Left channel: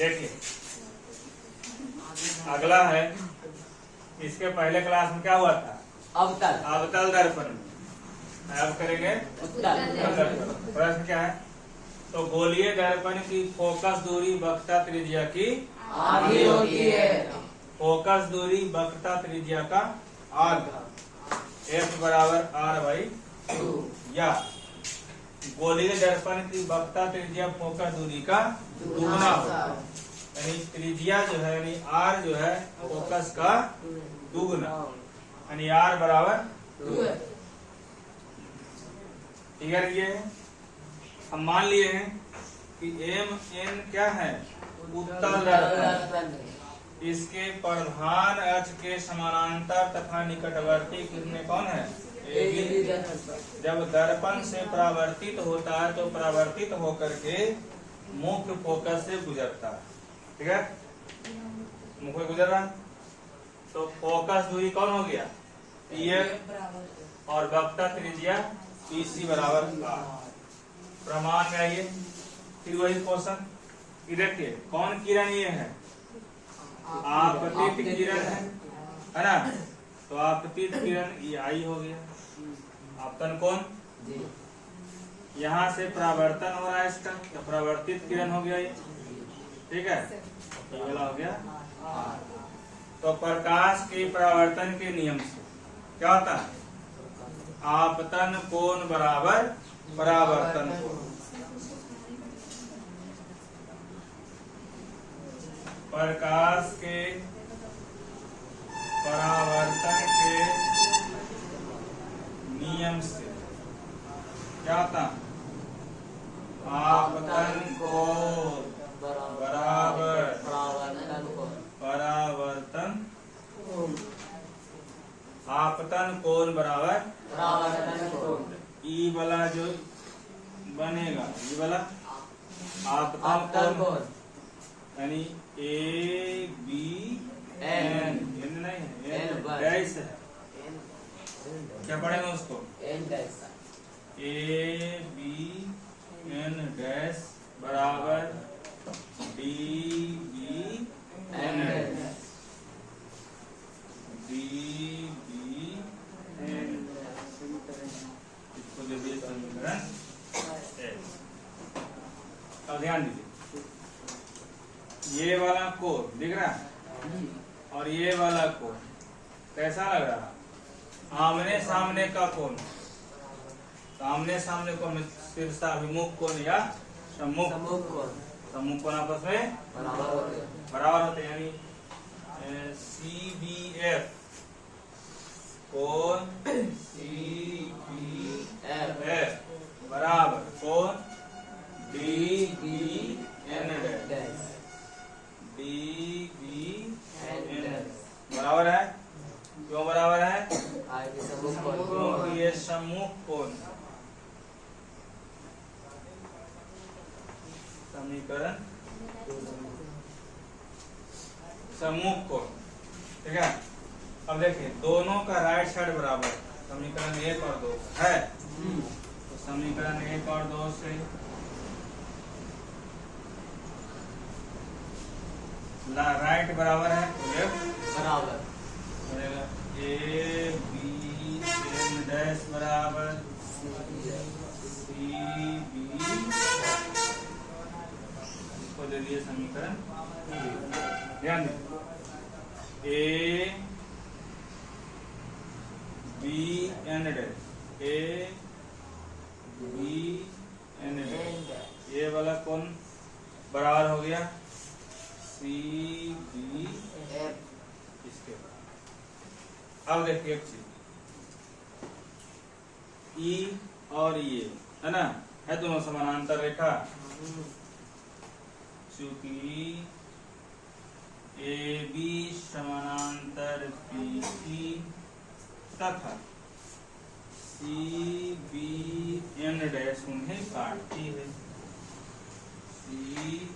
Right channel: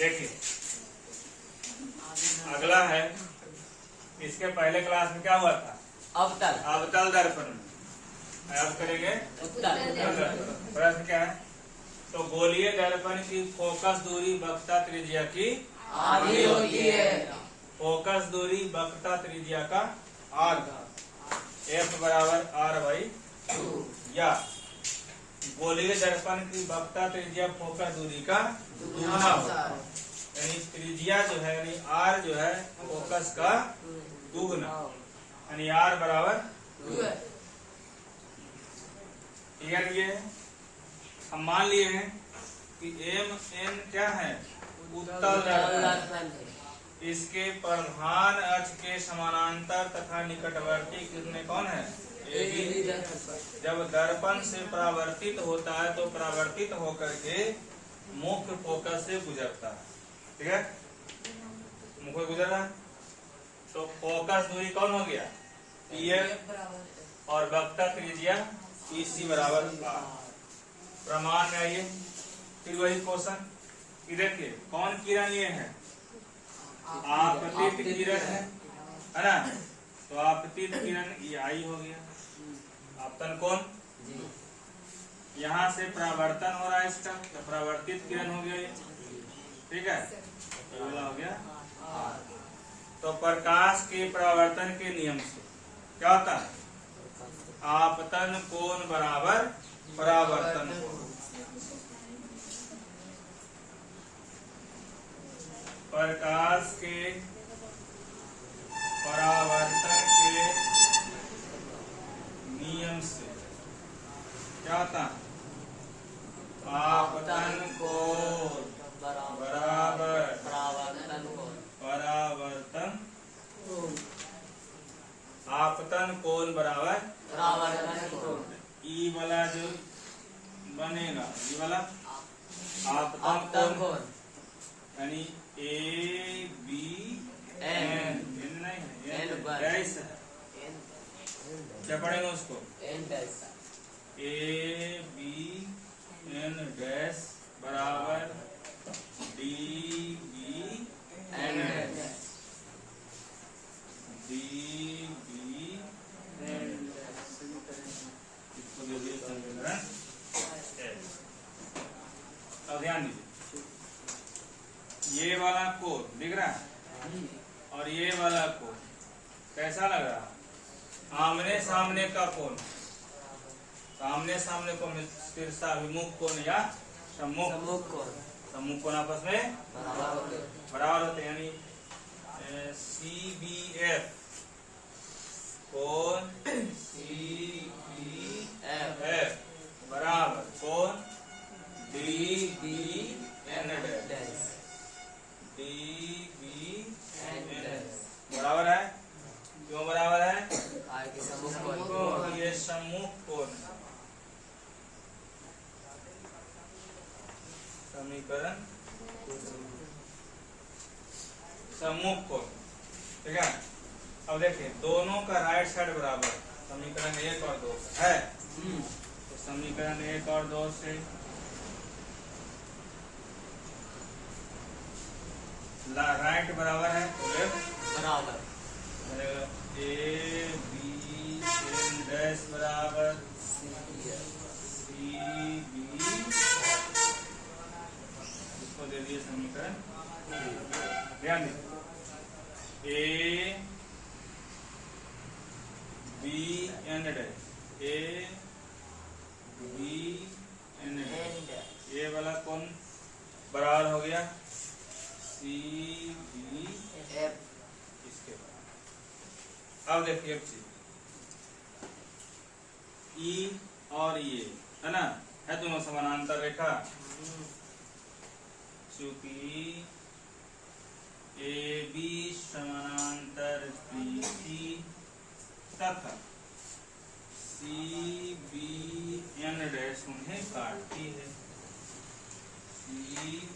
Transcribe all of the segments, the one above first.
देखिए अगला है, इसके पहले क्लास में क्या हुआ था? अवतल दर्पण में। अब करेंगे उत्तल दर्पण। प्रश्न क्या है? तो गोलीय दर्पण की फोकस दूरी वक्रता त्रिज्या की आधी होती है। फोकस दूरी वक्रता त्रिज्या का आधा, F बराबर R/2, या गोलीय दर्पण की वक्रता त्रिज्या फोकस दूरी का दुगुना होता है। यानी त्रिज्या जो है, यानी R जो है फोकस का दुगुना, यानी R बराबर 2। क्लियर किए हैं? हम मान लिए हैं कि MN क्या है? उत्तल दर्पण। इसके प्रधान अक्ष के समानांतर तथा निकटवर्ती किरणें कौन है? जब दर्पण से परावर्तित होता है तो परावर्तित होकर के मुख्य फोकस से गुजरता है। ठीक है, मुख्य गुजर रहा है तो फोकस दूरी कौन हो गया? PL, और वक्रता त्रिज्या PC बराबर R। प्रमाण में आइए, फिर वही क्वेश्चन। देखिए कौन किरण ये है? आपतित किरण है ना? तो आपतित किरण ये I हो गया। आपतन कौन? यहाँ से परावर्तन हो रहा है इसका, तो परावर्तित किरण हो गया ये। ठीक है, ये वाला हो गया। तो प्रकाश के परावर्तन के नियम से क्या होता है? आपतन कोण बराबर परावर्तन कोण। प्रकाश के परावर्तन के नियम से क्या होता है? आपतन कोण बराबर परावर्तन, आपतन कोण बराबर ई वाला जो बनेगा, ये वाला आपतन कोण, यानी ABN, नहीं N डैश है, क्या पढ़ेंगे उसको? ABN डैश बराबर DBN डैश, इसको दे दिए समीकरण। अब ध्यान दीजिए, ये वाला कोण दिख रहा है और ये वाला कोण कैसा लग रहा है? आमने सामने का कोण। आमने सामने कोण शीर्षाभिमुख कोण या सम्मुख कोण। सम्मुख कोण आपस में बराबर होते हैं, यानी CBF कोण CBF बराबर कोण DBN डैश, DBN बराबर है। क्यों बराबर है? क्योंकि ये सम्मुख कोण। समीकरण सम्मुख कोण। ठीक है, अब देखिए दोनों का राइट साइड बराबर, समीकरण 1 और 2 है। तो समीकरण 1 और 2 से राइट बराबर है तो लेफ्ट बराबर, ABN डैश बराबर CB, इसको दे दिए समीकरण। ध्यान दें, ABN डैश, ABN डैश, ये वाला कौन बराबर हो गया? CBF। इसके अब देखिए एक चीज, E और ये है ना, है दोनों समानांतर रेखा। चूंकि AB समानांतर BC तथा CBN डैश उन्हें काटती है। CBN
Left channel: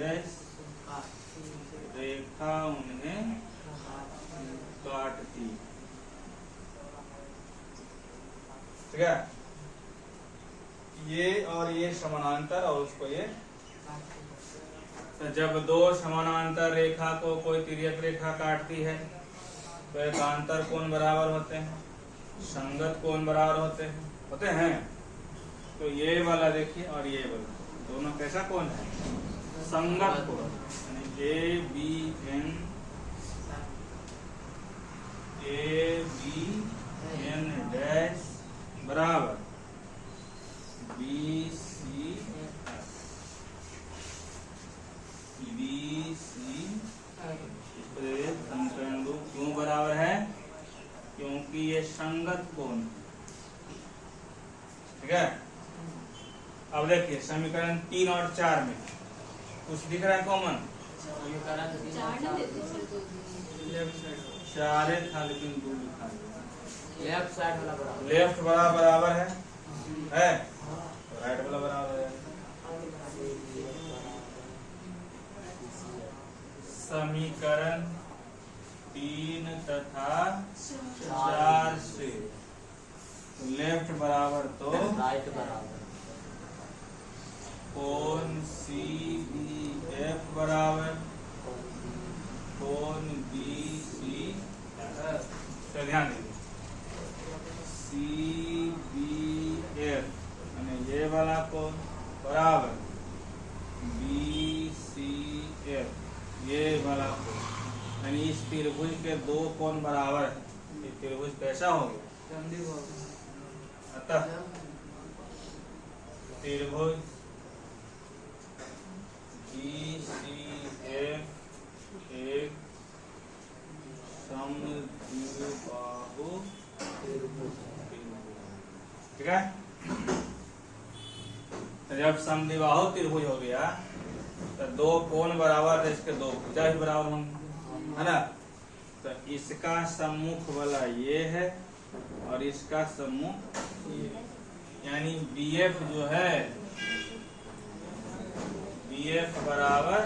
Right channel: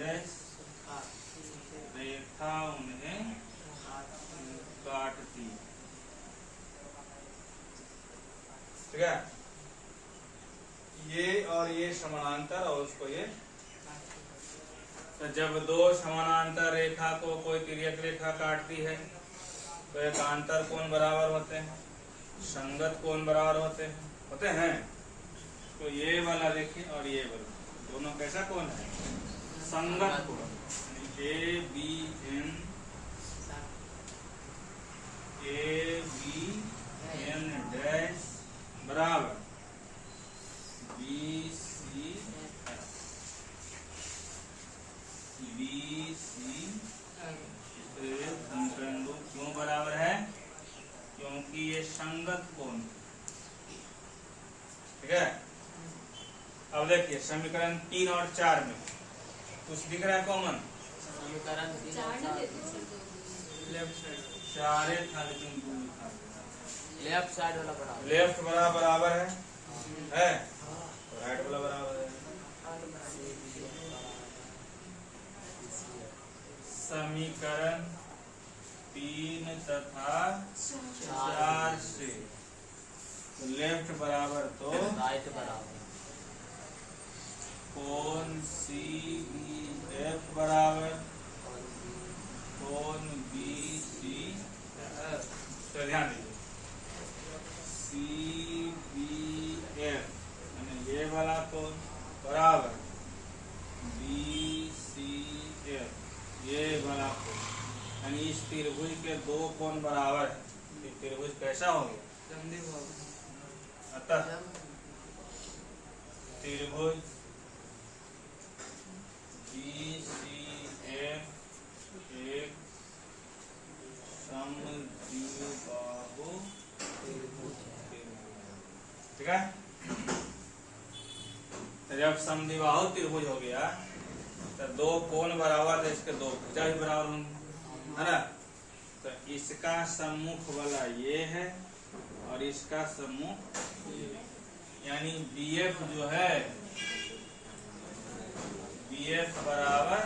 डैश रेखा उन्हें काटती। ठीक है, ये और ये समानांतर और उसको ये तो जब दो समानांतर रेखा को कोई तिर्यक रेखा काटती है तो एकांतर कोण बराबर होते हैं, संगत कोण बराबर होते हैं। तो ये वाला देखिए और ये वाला दोनों कैसा कोण है, संगत कोण। ABN डैश बराबर BC समीकरण 2 क्यों बराबर है, क्योंकि ये संगत कोण, ठीक है। अब देखिए समीकरण 3 और 4 में कुछ दिख रहा है कॉमन, चार था लेकिन 2 लिखा है। लेफ्ट वाला बराबर है तो राइट वाला बराबर है। समीकरण 3 तथा 4 से लेफ्ट बराबर तो राइट बराबर, कोण CBF बराबर कोण BC, तो ध्यान दीजिए CBF यानी ये वाला कोण बराबर BCF, ये वाला कोण यानी इस त्रिभुज के दो कोण बराबर है। ये त्रिभुज कैसा हो गया, अतः त्रिभुज BCF एक समद्विबाहु त्रिभुज, ठीक है। तो जब समद्विबाहु त्रिभुज हो गया तो दो कोण बराबर है, इसके दो भुजा भी बराबर होंगे, है ना। तो इसका सम्मुख वाला ये है और इसका सम्मुख ये, यानी BF जो है BF बराबर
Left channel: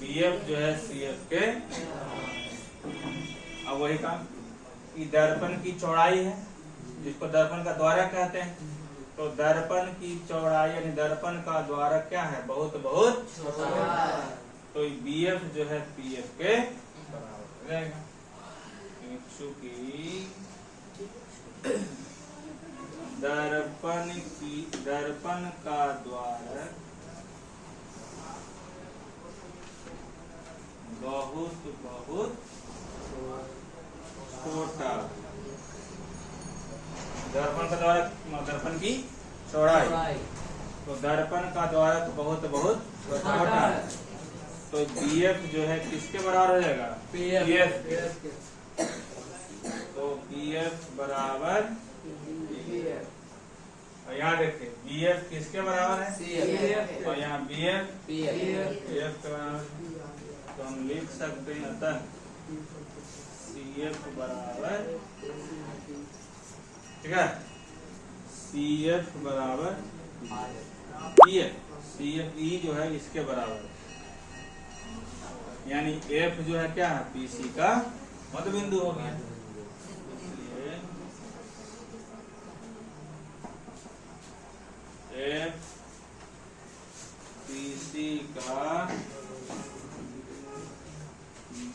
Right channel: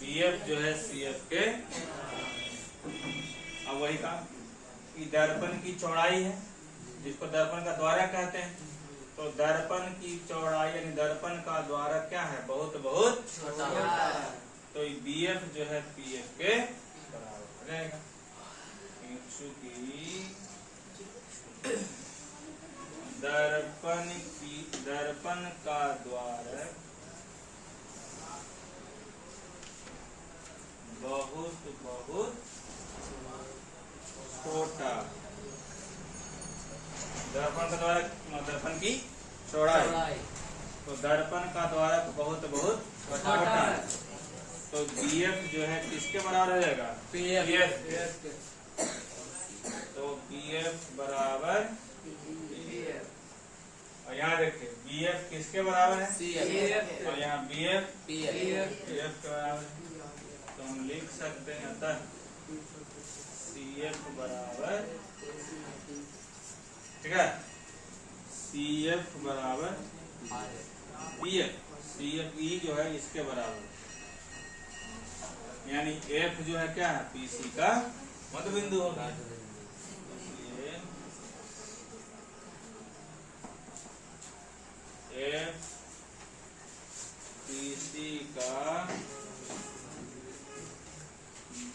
BF जो है CF के, अब वही काम कि दर्पण की चौड़ाई है जिसको दर्पण का द्वारक कहते हैं, तो दर्पण की चौड़ाई यानी दर्पण का द्वारक क्या है, बहुत बहुत छोटा, तो BF जो है PF के बराबर रहेगा। चूंकि दर्पण का द्वारक बहुत बहुत छोटा, दर्पण का द्वारक दर्पण की चौड़ाई, तो दर्पण का द्वारक बहुत बहुत छोटा, तो BF जो है किसके बराबर हो जाएगा, PF, तो BF बराबर, और यहाँ देखिए BF किसके बराबर है, और यहाँ BF PF के बराबर है, तो हम लिख सकते हैं अतः CF बराबर, ठीक है, CF बराबर CF E जो है इसके बराबर, यानी F जो है क्या है, PC का मध्य बिंदु हो गया। F PC का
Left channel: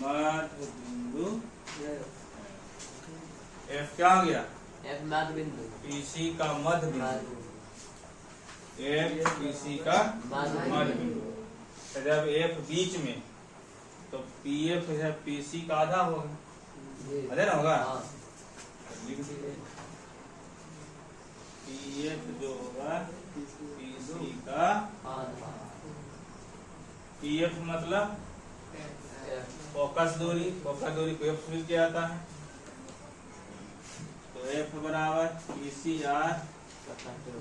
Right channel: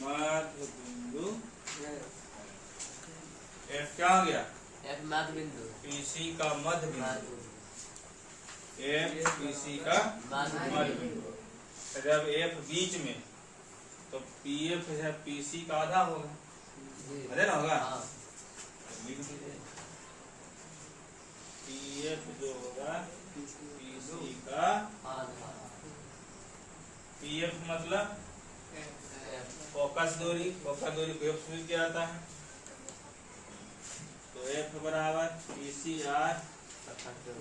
मध्य बिंदु, F क्या हो गया, मध्य बिंदु, PC का मध्य बिंदु, F PC का मध्य बिंदु। तो जब F बीच में तो PF है PC का आधा होगा, आधा ना होगा, लिख दीजिए PF जो होगा PC का, PF मतलब फोकस दूरी को F मिल के आता है, तो F बराबर PC R/2,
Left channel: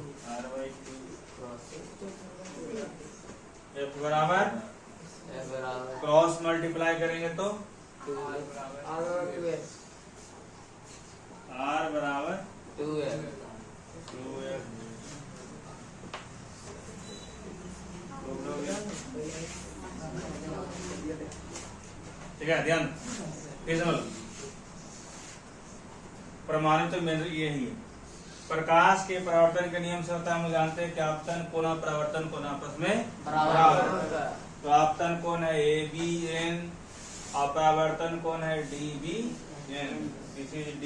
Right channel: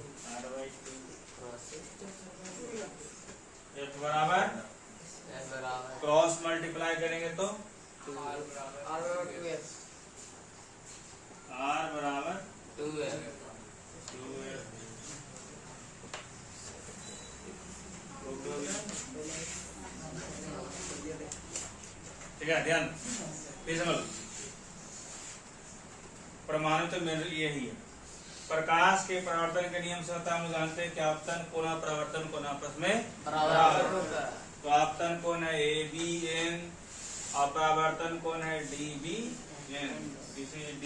F बराबर क्रॉस मल्टीप्लाई करेंगे तो R बराबर 2F, ठीक है। ध्यान फिर समझ, प्रमाणित तो मेरे यही है प्रकाश के परावर्तन के नियम से होता है, हम जानते हैं कि आपतन कोण और परावर्तन कोण आपस में बराबर है। तो आपतन कोण है ABN और परावर्तन कोण है DBN। This is D।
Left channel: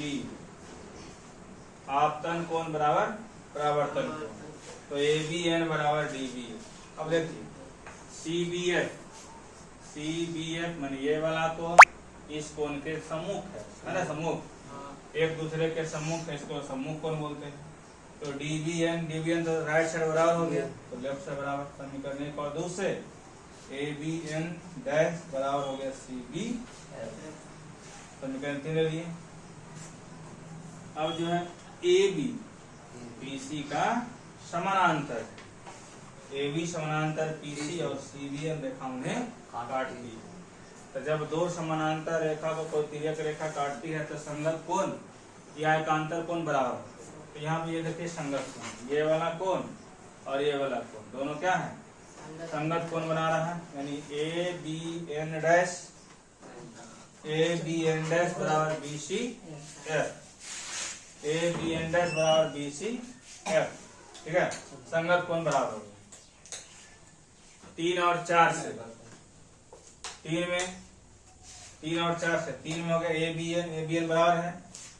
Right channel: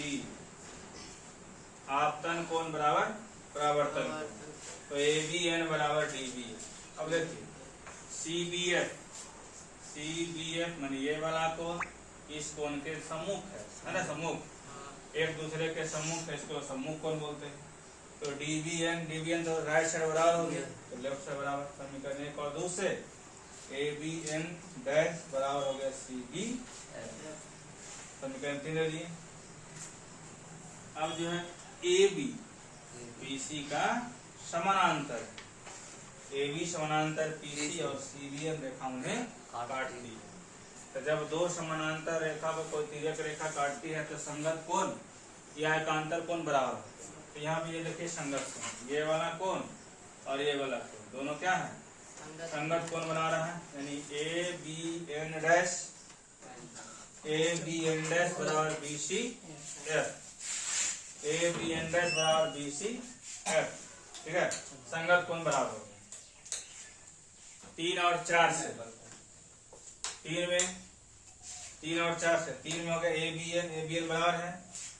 आपतन कोण बराबर परावर्तन कोण, तो ABN बराबर DB। अब देखिए CBF मान ये वाला कोण इस कोण के सम्मुख है ना, सम्मुख एक दूसरे के सम्मुख है, इसको सम्मुख कोण बोलते हैं। तो DBN तो राइट साइड बराबर हो गया, तो लेफ्ट साइड बराबर। समीकरण 1 और 2 से ABN डैश बराबर हो गया CB। समीकरण 3 ले लिए। अब जो है AB PC का समानांतर, AB समानांतर PC और CBN रेखा उन्हें काटती है। तो जब दो समानांतर रेखा को कोई तिर्यक रेखा काटती है तो संगत कोण या एकांतर कोण बराबर होते हैं। तो यहाँ पे ये देखिए संगत कोण, ये वाला कोण और ये वाला कोण दोनों क्या है, संगत कोण बना रहा है। यानी ABN डैश बराबर BCF, ABN डैश बराबर BCF, ठीक है। संगत कोण बराबर हो गया। 3 और 4 से 3 और 4 से 3 में हो गया ABN बराबर है,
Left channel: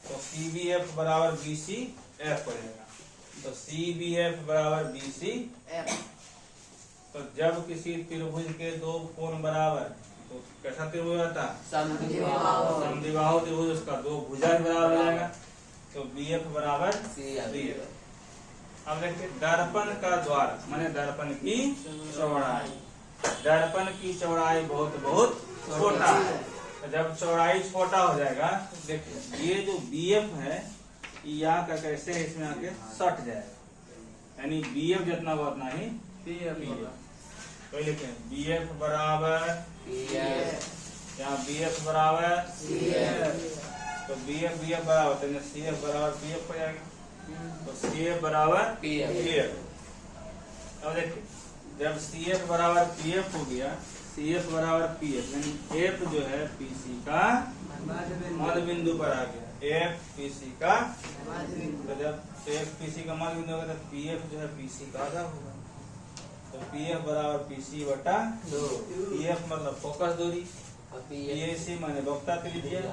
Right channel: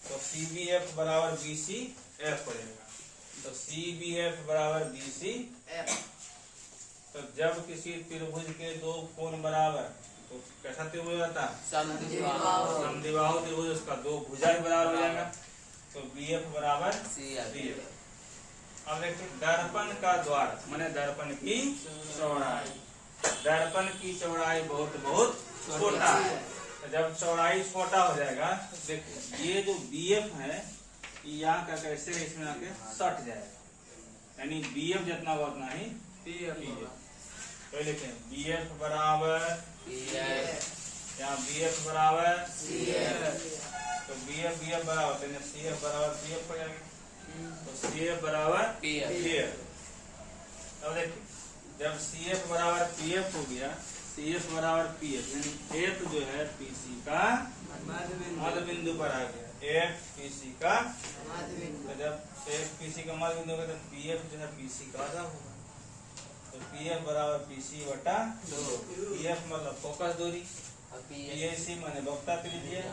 तो CBF बराबर BCF हो जाएगा। तो CBF बराबर BCF। तो जब किसी त्रिभुज के दो कोण बराबर, तो कैसा त्रिभुज होता है, समद्विबाहु त्रिभुज, उसका दो भुजा बराबर हो जाएगा, तो BF बराबर CF। अब देखिए दर्पण का द्वार माने दर्पण की चौड़ाई, दर्पन की चौड़ाई बहुत छोटा है। तो जब चौड़ाई छोटा हो जाएगा तो देखिए ये जो BF है यहाँ का कैसे इसमें आके सट जाएगा, यानी BF जितना हुआ उतना ही PF। तो लिखें BF बराबर यहाँ BF बराबर तो BF बराबर तो CF बराबर BF हो जाएगा, तो CF बराबर PF। अब देखिए जब CF बराबर PF हो गया, CF बराबर PF यानी F जो है PC का मध्य बिंदु पर आ गया, F PC का। तो जब F PC का मध्य बिंदु होगा तो PF जो है PC का आधा होगा, तो PF बराबर PC बटा 2। PF मतलब फोकस दूरी, PAC माने वक्ता त्रिज्या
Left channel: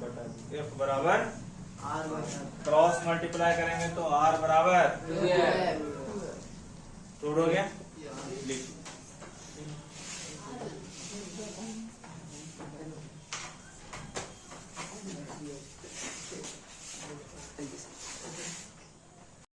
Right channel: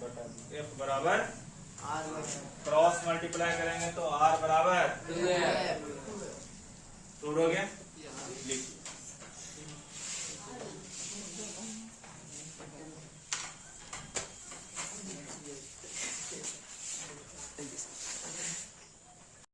बटा F बराबर क्रॉस मल्टीप्लाई करेंगे तो R बराबर हो गया।